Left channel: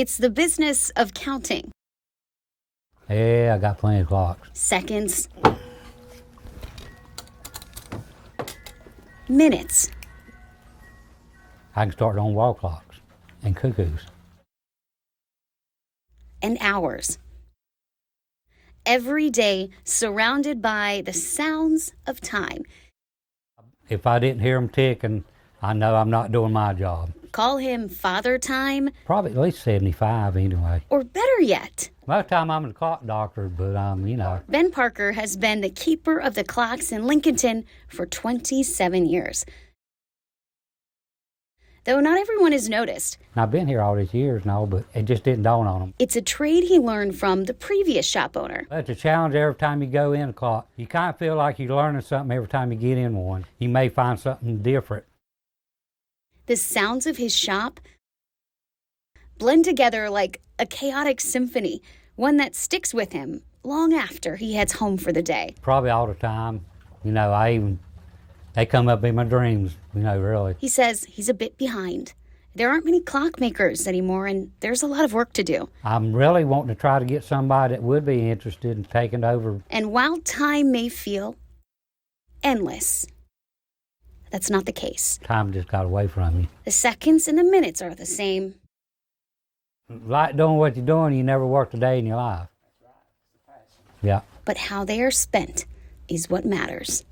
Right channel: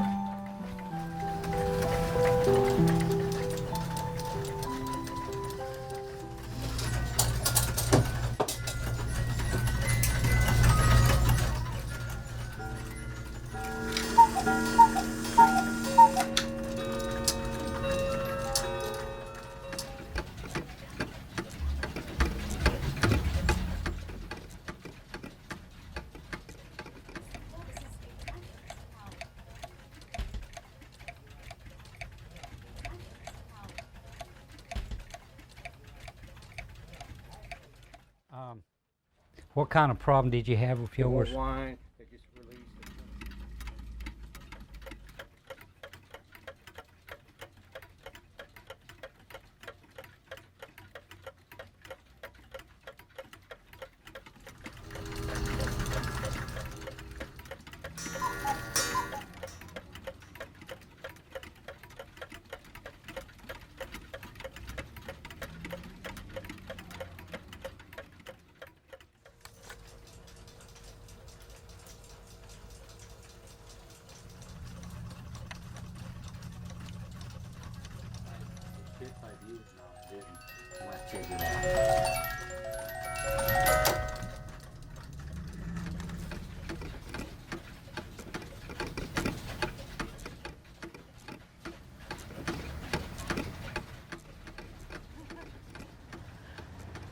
It's the business of counting. Yeah, I got plenty of clock. Seconds. Minutes. I can start on wall clocks and cuckoos. And hours. Every day surrounded by the sounds of time. If I didn't hear them ticking, I know I'm not doing my job. Call him Father Time. Probably at least 75 anyway. Or better yet, Most of the time I'm a clock doctor, but you know. Ben Parker has been the keeper of the clocks in Lincolnton for 27 years. What kind of problem did you have with yours? Though not everyone has noticed, I've been here all these years now, but it just didn't dawn on them. it's a trade he learned from the previous shop owner. It's a challenge every time you go in a clock. You kind of feel like you're learning something every time you get in one. You may find something different. The sounds of his shop blend together like a chaotic symphony, one that sticks with him long after he heads home for the day. Probably all the time. You know, they come up in my dreams, you know, really. He says he's a bit behind. There aren't many clockmakers anymore, and there's a lot of work to do. I'm really wanting to try to get somebody that would be interested in taking over. And while time may feel endless, that's not the case. Time just got away from you. The seconds and the minutes are the same. Like doing what you're doing, you never worked a day in your life. Yeah. But how they are spent is what matters.